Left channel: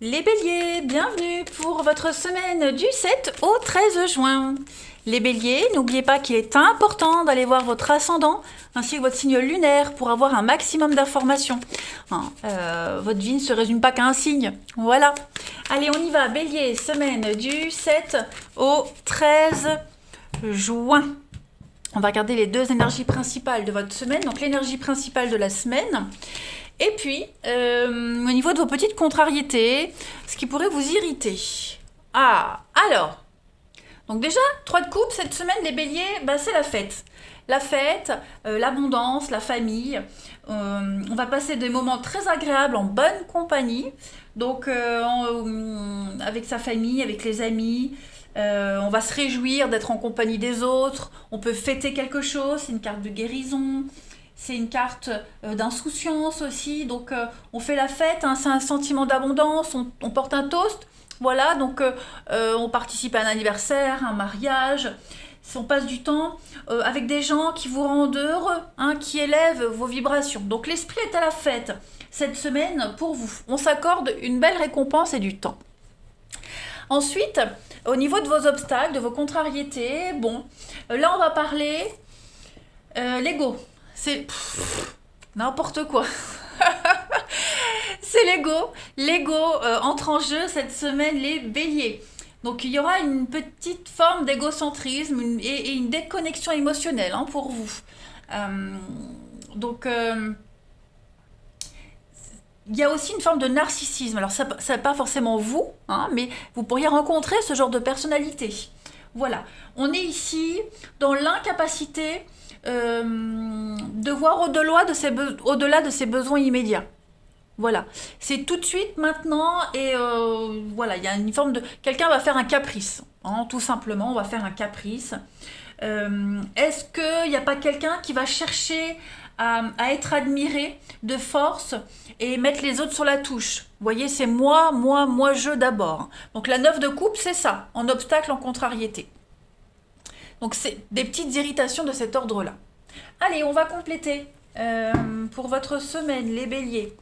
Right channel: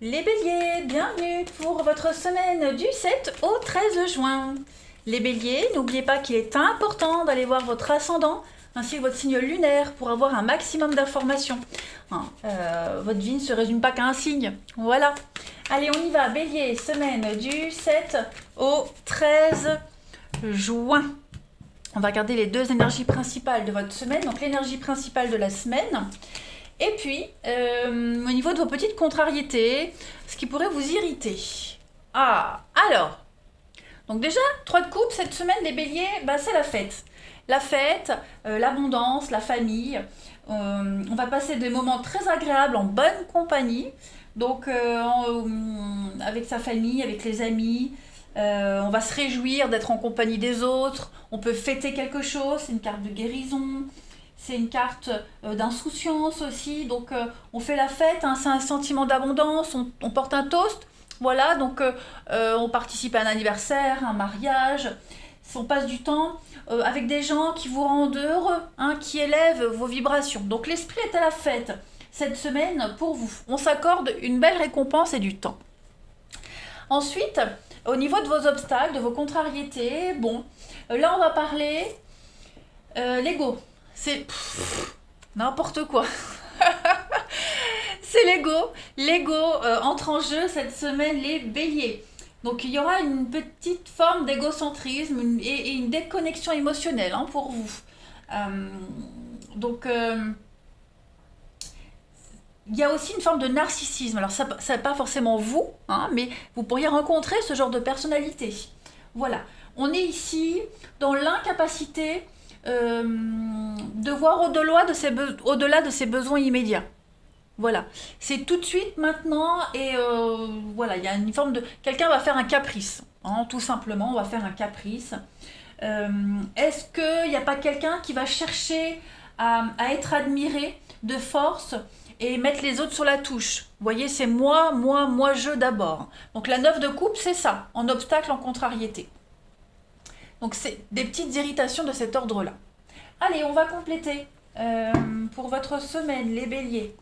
Les béliers, bienvenue pour votre semaine du 7 au 13 juin. Les béliers, n'oubliez pas qu'il est important d'aller voir votre ascendant ainsi que votre signe lunaire pour avoir un maximum d'informations. Votre vie ne se résume pas qu'à un signe. Voilà. Allez, on y va. Bélier, semaine du 7 au 13 juin. On va regarder les deux énergies principales de votre semaine. Donc l'énergie principale de la semaine. Et puis, au niveau de vos petites contrariétés, ce qui pourrait vous irriter. Ah, alors, donc déjà, 3 de coupe, cette semaine, les béliers, bah, c'est la fête. La fête, l'abondance, la famille. On va passer des moments très agréables en bonne compagnie. Donc, avec sa famille, avec les amis. On va se réjouir d'être en compagnie des autres. On peut fêter quelque chose, c'est une carte de guérison. C'est une carte d'insouciance aussi, donc on fait la fête, hein, c'est un sentiment d'abondance, on porte un toast, voilà, donc on participe à un anniversaire, un mariage, on passe du temps avec des gens qui vous rendent heureux, hein, qui élèvent vos vibrations. Donc l'esprit est à la fête cette semaine pour vous. On s'accorde une belle récompense et du temps. Ensuite, au niveau de vos obstacles, de vos contrariétés, bon, là on va parler l'ego. C'est n'importe quoi. C'est l'ego. L'ego entre en jeu cette semaine, les béliers. Donc il y aura une petite forme d'égocentrisme et une déconnexion émotionnelle, hein, pour vous. Euh, donc il y a aussi une forme de narcissisme. Alors ça n'est pas forcément vous, hein, mais vous pourriez rencontrer ce genre de personnalité. Voilà. On est ici dans l'incapacité de voir au-delà de ses besoins immédiats. Voilà, c'est tout de suite maintenant et voilà, il y a une forme de... Quelqu'un va faire un caprice, hein, tout simplement, on va faire un caprice. Est-ce qu'il n'y a pas quelqu'un qui va chercher à être admiré de force et mettre les autres sur la touche? Vous voyez, c'est moi, je d'abord. Donc la 9 de coupe, c'est ça, en obstacle, en contrariété. Donc c'est des petites irritations de cet ordre-là. Allez, on va compléter pour votre semaine, les béliers.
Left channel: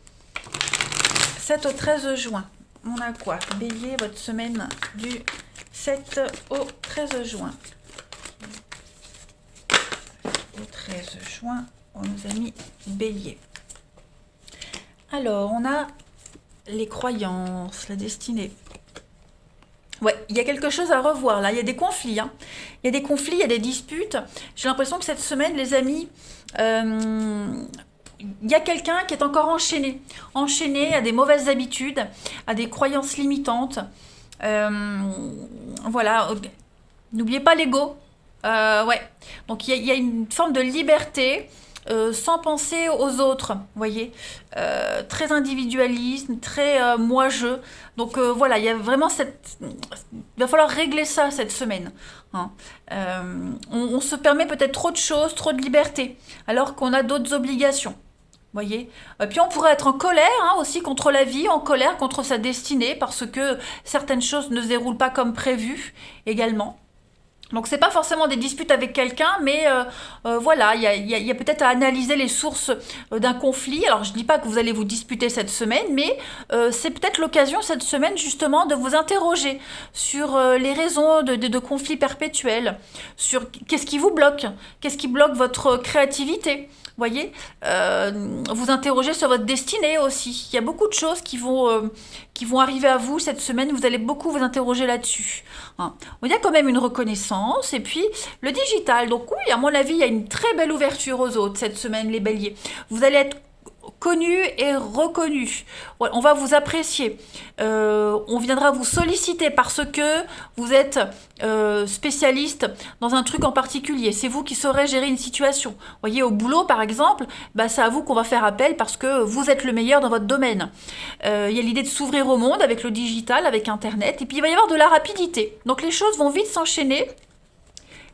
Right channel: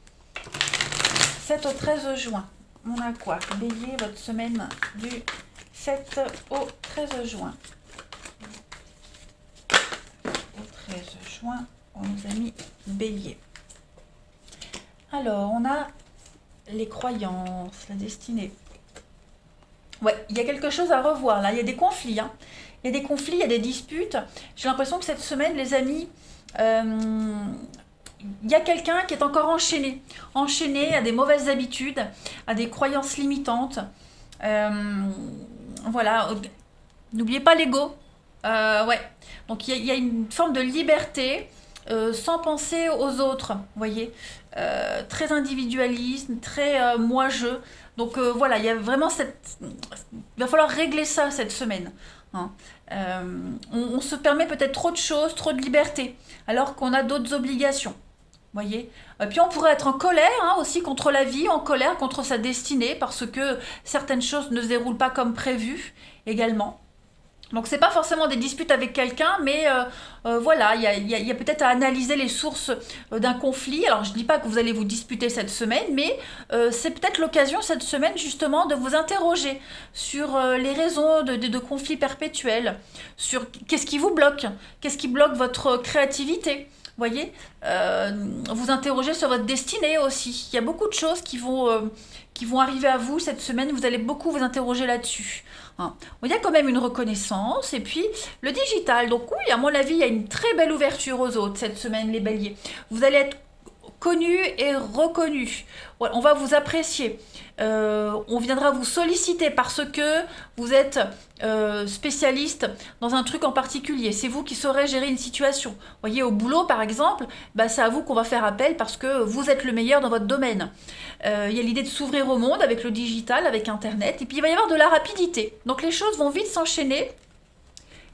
7 au 13 juin. On a quoi? Bélier, votre semaine du 7 au 13 juin. Au 13 juin, on nous a mis bélier. Alors, on a les croyances, la destinée. Ouais, il y a quelque chose à revoir là. Il y a des conflits, hein. Il y a des conflits, il y a des disputes. J'ai l'impression que cette semaine, les amis, il y a quelqu'un qui est encore enchaîné à des mauvaises habitudes, à des croyances limitantes. Euh, voilà, n'oubliez pas l'ego. Ouais, donc il y a une forme de liberté sans penser aux autres, vous voyez. Très individualisme, très moi-je. Donc voilà, il y a vraiment cette... Il va falloir régler ça cette semaine, hein. On se permet peut-être trop de choses, trop de liberté, alors qu'on a d'autres obligations. Voyez. Puis on pourrait être en colère, hein, aussi contre la vie, en colère contre sa destinée, parce que certaines choses ne se déroulent pas comme prévu également. Donc c'est pas forcément des disputes avec quelqu'un, mais voilà, il y a peut-être à analyser les sources d'un conflit. Alors je dis pas que vous allez vous disputer cette semaine, mais c'est peut-être l'occasion cette semaine justement de vous interroger sur les raisons de conflits perpétuels, sur qu'est-ce qui bloque votre créativité. Voyez, vous interroger sur votre destinée aussi. Il y a beaucoup de choses qui vont arriver à vous cette semaine. Vous allez beaucoup vous interroger là-dessus, hein. Il y a quand même une reconnaissance. Et puis, le digital. Donc oui, à mon avis, il y a une très belle ouverture aux autres cette semaine, les béliers. Vous allez être connu et reconnu. Ouais, on va vous apprécier. On viendra vous solliciter parce que vous êtes spécialiste dans un truc en particulier. C'est vous qui saurez gérer une situation. Vous voyez, au boulot, par exemple, bah, c'est à vous qu'on va faire appel parce que vous êtes le meilleur dans votre domaine. Il y a l'idée de s'ouvrir au monde avec le digital, avec Internet. Et puis, il va y avoir de la rapidité. Donc, les choses vont vite s'enchaîner.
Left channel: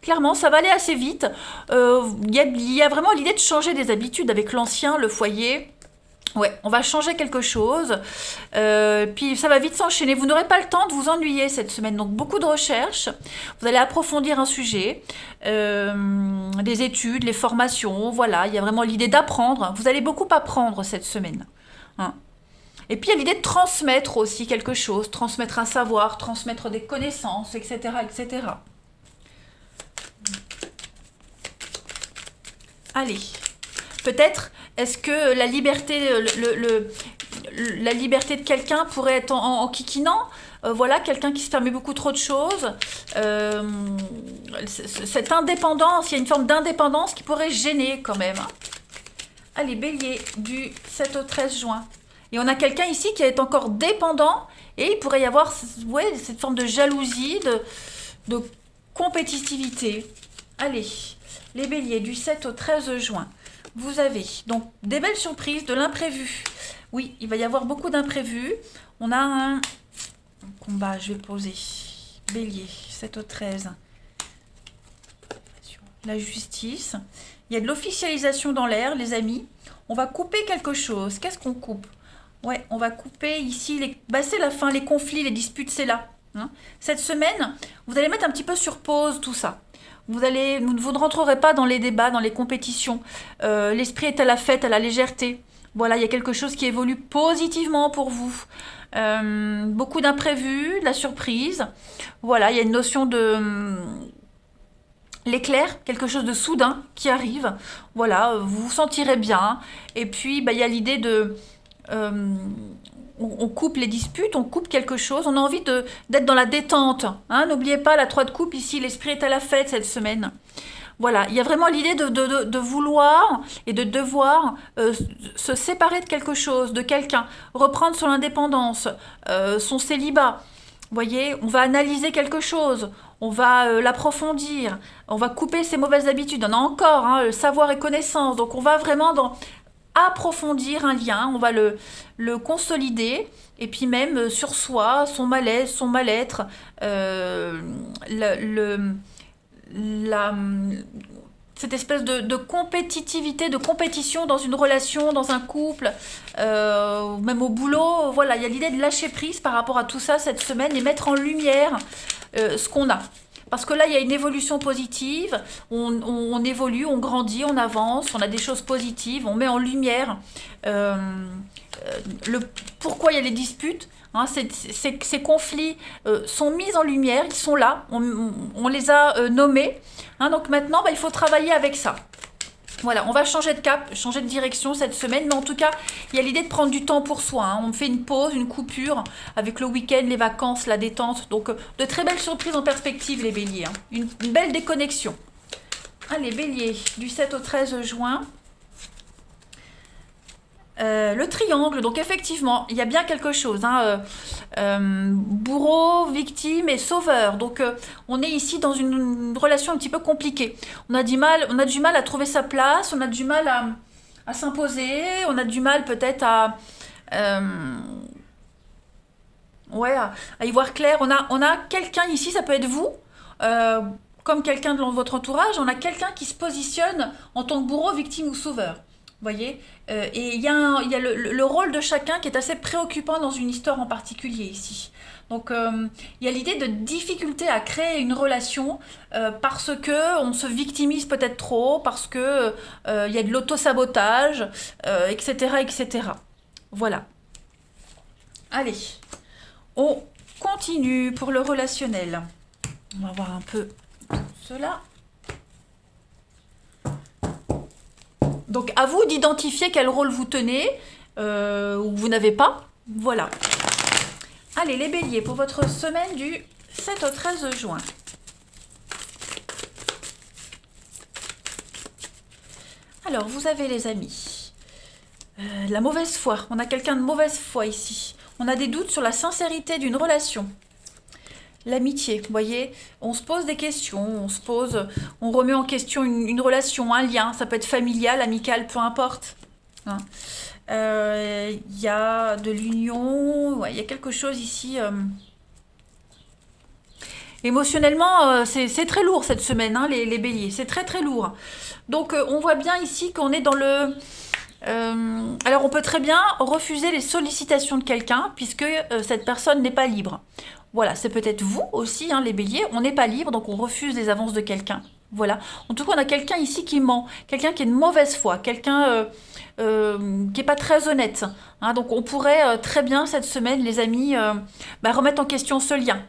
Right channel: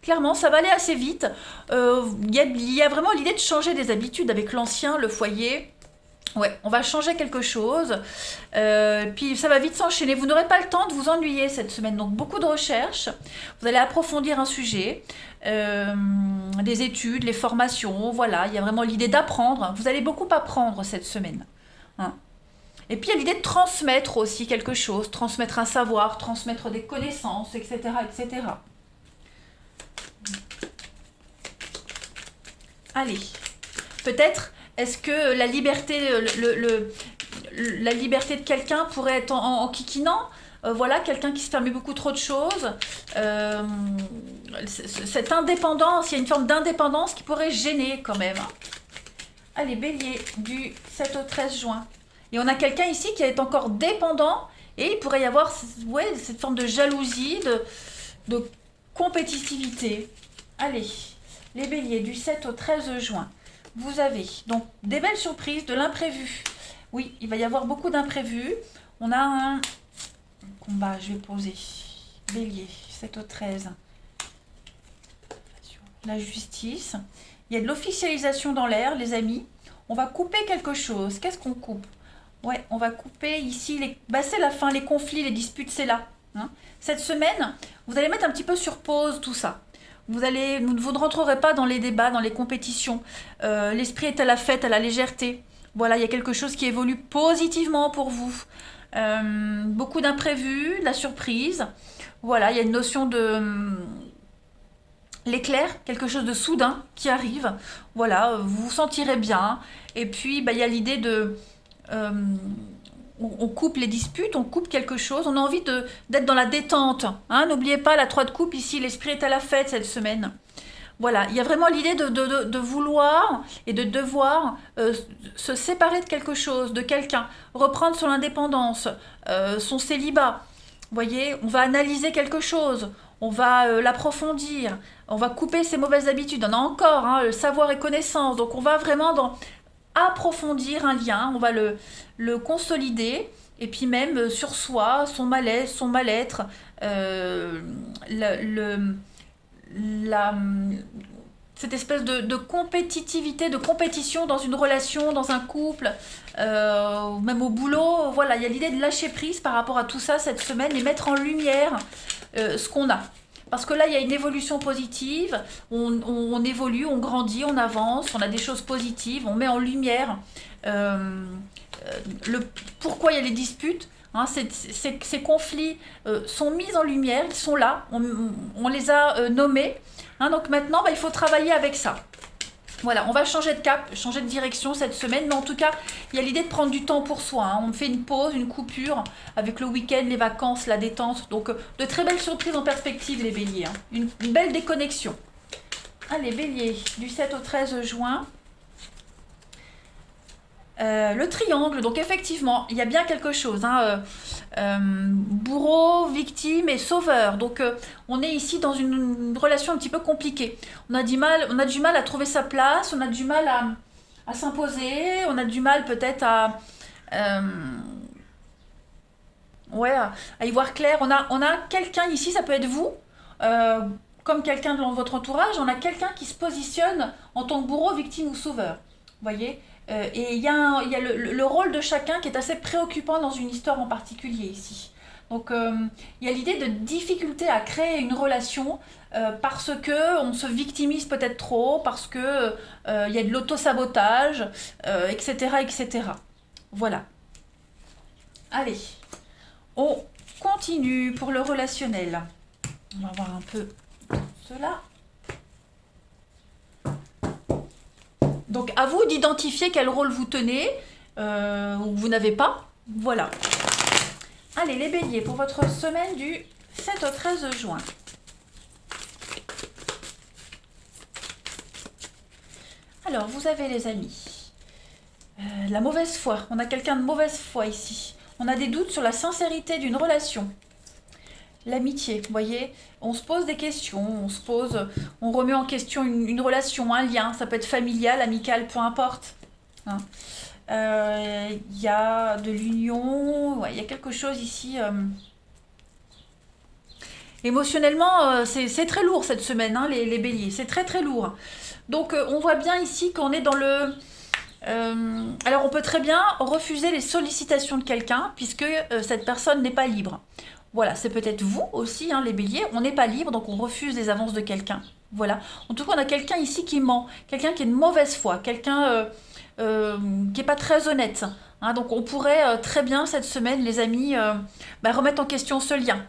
Clairement, ça va aller assez vite. Il y a vraiment l'idée de changer des habitudes avec l'ancien, le foyer. Ouais, on va changer quelque chose. Puis ça va vite s'enchaîner. Vous n'aurez pas le temps de vous ennuyer cette semaine. Donc beaucoup de recherches. Vous allez approfondir un sujet, des études, les formations. Voilà, il y a vraiment l'idée d'apprendre. Vous allez beaucoup apprendre cette semaine, hein. Et puis il y a l'idée de transmettre aussi quelque chose, transmettre un savoir, transmettre des connaissances, etc., etc. Allez, peut-être, est-ce que la liberté, la liberté de quelqu'un pourrait être en kikinant. Voilà, quelqu'un qui se permet beaucoup trop de choses. Euh, cette indépendance, il y a une forme d'indépendance qui pourrait gêner quand même. Allez, bélier, du 7 au 13 juin. Et on a quelqu'un ici qui est encore dépendant et il pourrait y avoir ouais, cette forme de jalousie, de compétitivité. Allez, les béliers, du 7 au 13 juin. Vous avez donc des belles surprises, de l'imprévu. Oui, il va y avoir beaucoup d'imprévus. On a un combat, je vais poser. Bélier, 7 au 13. La justice. Il y a de l'officialisation dans l'air, les amis. On va couper quelque chose. Qu'est-ce qu'on coupe? Ouais, on va couper ici. Bah, c'est la fin, les conflits, les disputes, c'est là. Hein. Cette semaine, vous allez mettre un petit peu sur pause tout ça. Vous ne rentrerez pas dans les débats, dans les compétitions. L'esprit est à la fête, à la légèreté. Voilà, il y a quelque chose qui évolue positivement pour vous. Beaucoup d'imprévus, de la surprise. Voilà, il y a une notion de l'éclair, quelque chose de soudain qui arrive. Voilà, vous vous sentirez bien. Et puis, bah, il y a l'idée de... on coupe les disputes, on coupe quelque chose. On a envie d'être dans la détente. Hein. N'oubliez pas, la 3 de coupe ici, l'esprit est à la fête cette semaine. Voilà, il y a vraiment l'idée de vouloir et de devoir se séparer de quelque chose, de quelqu'un, reprendre son indépendance, son célibat. Vous voyez, on va analyser quelque chose, on va l'approfondir, on va couper ses mauvaises habitudes. On a encore le savoir et connaissance, donc on va vraiment approfondir un lien, on va le consolider. Et puis même sur soi, son malaise, son mal-être, la, cette espèce de compétitivité, de compétition dans une relation, dans un couple, même au boulot. Voilà, il y a l'idée de lâcher prise par rapport à tout ça cette semaine et mettre en lumière ce qu'on a. Parce que là, il y a une évolution positive, on évolue, on grandit, on avance, on a des choses positives, on met en lumière pourquoi il y a les disputes. Hein, ces conflits sont mis en lumière, ils sont là, on les a nommés. Hein, donc maintenant, bah, il faut travailler avec ça. Voilà, on va changer de cap, changer de direction cette semaine, mais en tout cas, il y a l'idée de prendre du temps pour soi. Hein. On fait une pause, une coupure avec le week-end, les vacances, la détente. Donc, de très belles surprises en perspective, les béliers. Hein. Une belle déconnexion. Allez, bélier, du 7 au 13 juin. Le triangle, donc effectivement, il y a bien quelque chose. Hein, bourreau, victime et sauveur. Donc on est ici dans une relation un petit peu compliquée. On a du mal à trouver sa place, on a du mal à s'imposer, on a du mal peut-être ouais, à y voir clair. On a quelqu'un ici, ça peut être vous, comme quelqu'un dans votre entourage, on a quelqu'un qui se positionne en tant que bourreau, victime ou sauveur. Vous voyez et il y a le rôle de chacun qui est assez préoccupant dans une histoire en particulier ici. Donc il y a l'idée de difficulté à créer une relation parce que on se victimise peut-être trop, parce que il y a de l'auto-sabotage, etc., etc. Voilà. Allez, on continue pour le relationnel. On va voir un peu cela. Donc, à vous d'identifier quel rôle vous tenez ou vous n'avez pas. Voilà. Allez, les béliers, pour votre semaine du 7 au 13 juin. Alors, vous avez les amis. La mauvaise foi. On a quelqu'un de mauvaise foi ici. On a des doutes sur la sincérité d'une relation. L'amitié, vous voyez, on se pose des questions, on remet en question une relation, un lien, ça peut être familial, amical, peu importe. Hein. Y a de l'union, ouais, il y a quelque chose ici. Émotionnellement, c'est très lourd cette semaine, hein, les béliers, c'est très très lourd. Donc on voit bien ici qu'on est dans le... alors on peut très bien refuser les sollicitations de quelqu'un puisque cette personne n'est pas libre. Voilà, c'est peut-être vous aussi, hein, les béliers, on n'est pas libre, donc on refuse les avances de quelqu'un. Voilà. En tout cas, on a quelqu'un ici qui ment, quelqu'un qui est de mauvaise foi, quelqu'un qui n'est pas très honnête. Hein. Donc on pourrait très bien cette semaine, les amis, remettre en question ce lien.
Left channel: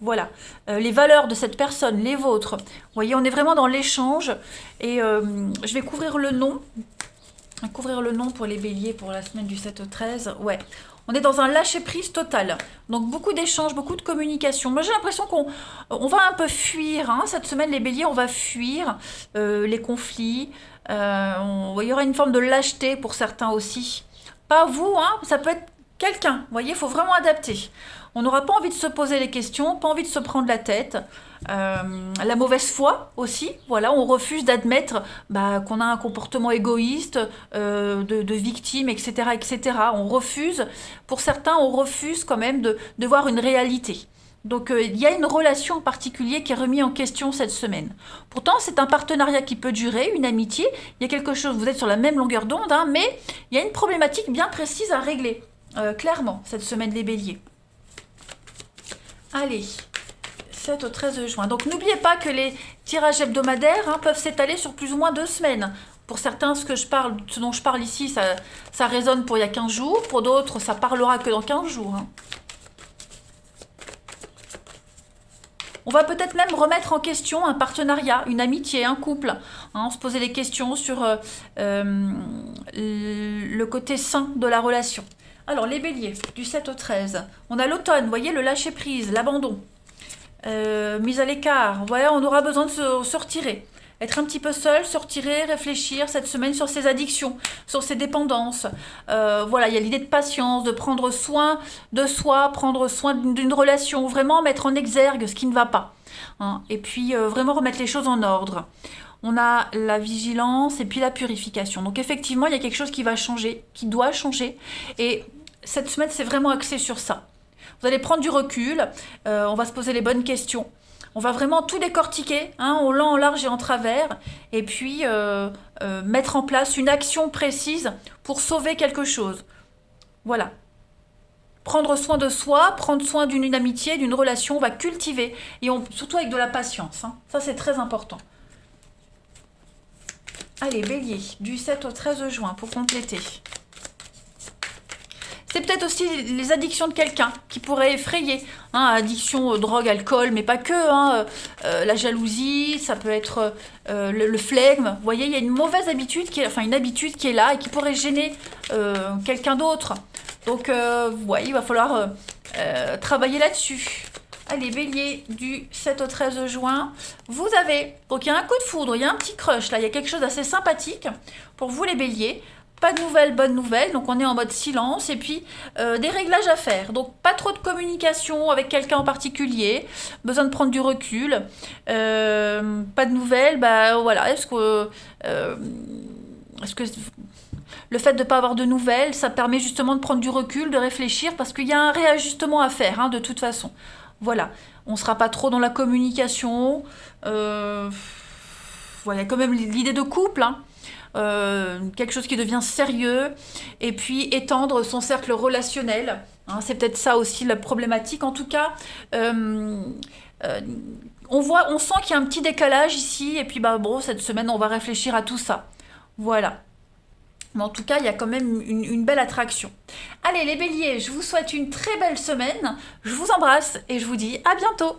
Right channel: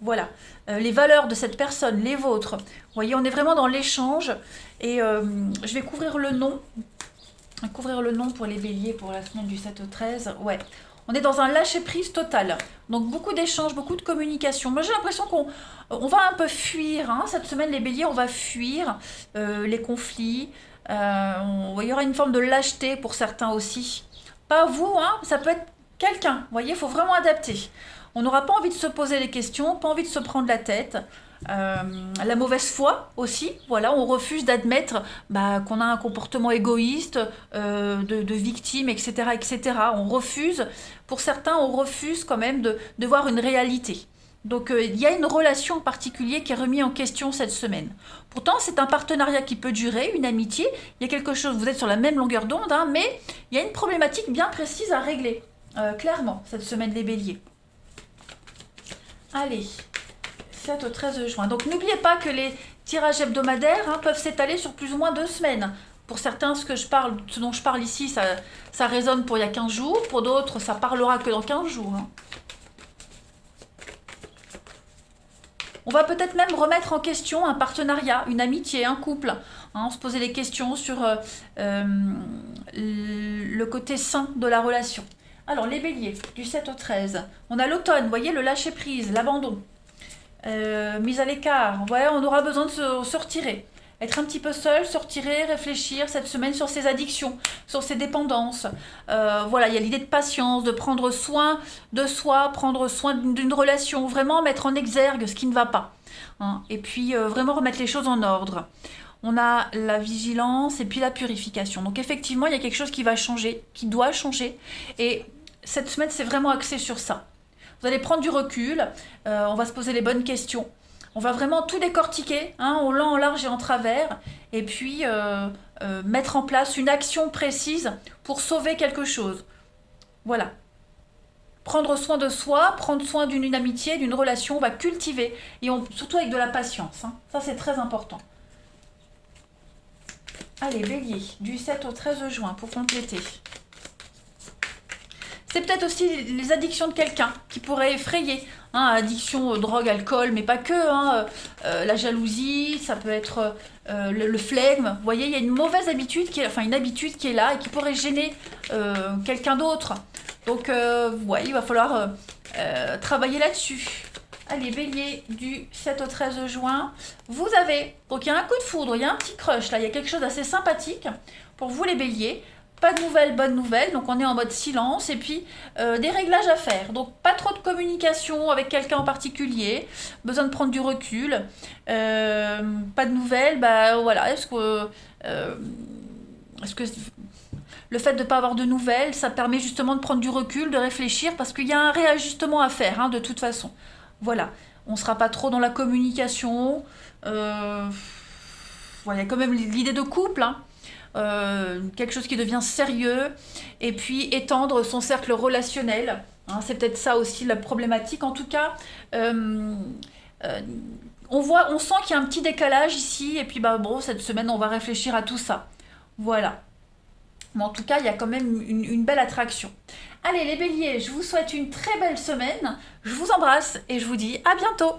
Voilà. Les valeurs de cette personne, les vôtres. Vous voyez, on est vraiment dans l'échange. Et je vais couvrir le nom pour les béliers pour la semaine du 7 au 13. Ouais. On est dans un lâcher-prise total. Donc beaucoup d'échanges, beaucoup de communication. Moi j'ai l'impression qu'on va un peu fuir. Hein. Cette semaine, les béliers, on va fuir les conflits. Il y aura une forme de lâcheté pour certains aussi. Pas vous, hein, ça peut être quelqu'un. Vous voyez, il faut vraiment adapter. On n'aura pas envie de se poser les questions, pas envie de se prendre la tête. Euh, la mauvaise foi aussi, voilà, on refuse d'admettre qu'on a un comportement égoïste, de victime, etc., etc. On refuse, pour certains, on refuse quand même de voir une réalité. Donc il y a une relation en particulier qui est remise en question cette semaine. Pourtant, c'est un partenariat qui peut durer, une amitié. Il y a quelque chose, vous êtes sur la même longueur d'onde, hein, mais il y a une problématique bien précise à régler, clairement, cette semaine les béliers. Allez, 7 au 13 juin. Donc n'oubliez pas que les tirages hebdomadaires peuvent s'étaler sur plus ou moins 2 semaines. Pour certains, ce dont je parle ici, ça résonne pour il y a 15 jours. Pour d'autres, ça parlera que dans 15 jours. Hein. On va peut-être même remettre en question un partenariat, une amitié, un couple. Hein, se poser des questions sur le côté sain de la relation. Alors, les béliers, du 7 au 13. On a l'automne, vous voyez, le lâcher-prise, l'abandon. Mise à l'écart. Ouais, on aura besoin de se retirer. Être un petit peu seul, se retirer, réfléchir cette semaine sur ses addictions, sur ses dépendances. Voilà, il y a l'idée de patience, de prendre soin de soi, prendre soin d'une relation, vraiment mettre en exergue ce qui ne va pas. Hein. Et puis vraiment remettre les choses en ordre. On a la vigilance et puis la purification. Donc effectivement, il y a quelque chose qui va changer, qui doit changer. Et cette semaine, c'est vraiment axé sur ça. Vous allez prendre du recul, on va se poser les bonnes questions. On va vraiment tout décortiquer, hein, en long, en large et en travers, et puis mettre en place une action précise pour sauver quelque chose. Voilà. Prendre soin de soi, prendre soin d'une amitié, d'une relation, on va cultiver, et surtout avec de la patience. Hein. Ça, c'est très important. Allez, bélier, du 7 au 13 juin pour compléter. C'est peut-être aussi les addictions de quelqu'un qui pourrait effrayer. Hein, addiction, drogue, alcool, mais pas que. Hein, la jalousie, ça peut être le flegme. Vous voyez, il y a une mauvaise habitude, une habitude qui est là et qui pourrait gêner quelqu'un d'autre. Donc, ouais, il va falloir travailler là-dessus. Allez, bélier, du 7 au 13 juin. Vous avez, donc il y a un coup de foudre, il y a un petit crush là, il y a quelque chose d'assez sympathique pour vous les béliers. Pas de nouvelles, bonnes nouvelles, donc on est en mode silence, et puis des réglages à faire. Donc pas trop de communication avec quelqu'un en particulier, besoin de prendre du recul, pas de nouvelles, voilà, est-ce que le fait de ne pas avoir de nouvelles, ça permet justement de prendre du recul, de réfléchir, parce qu'il y a un réajustement à faire, hein, de toute façon. Voilà, on ne sera pas trop dans la communication, voilà, il y a quand même l'idée de couple, hein. Quelque chose qui devient sérieux, et puis étendre son cercle relationnel. Hein, c'est peut-être ça aussi la problématique. En tout cas, euh, on sent qu'il y a un petit décalage ici, et puis cette semaine, on va réfléchir à tout ça. Voilà. Mais en tout cas, il y a quand même une belle attraction. Allez, les béliers, je vous souhaite une très belle semaine. Je vous embrasse et je vous dis à bientôt.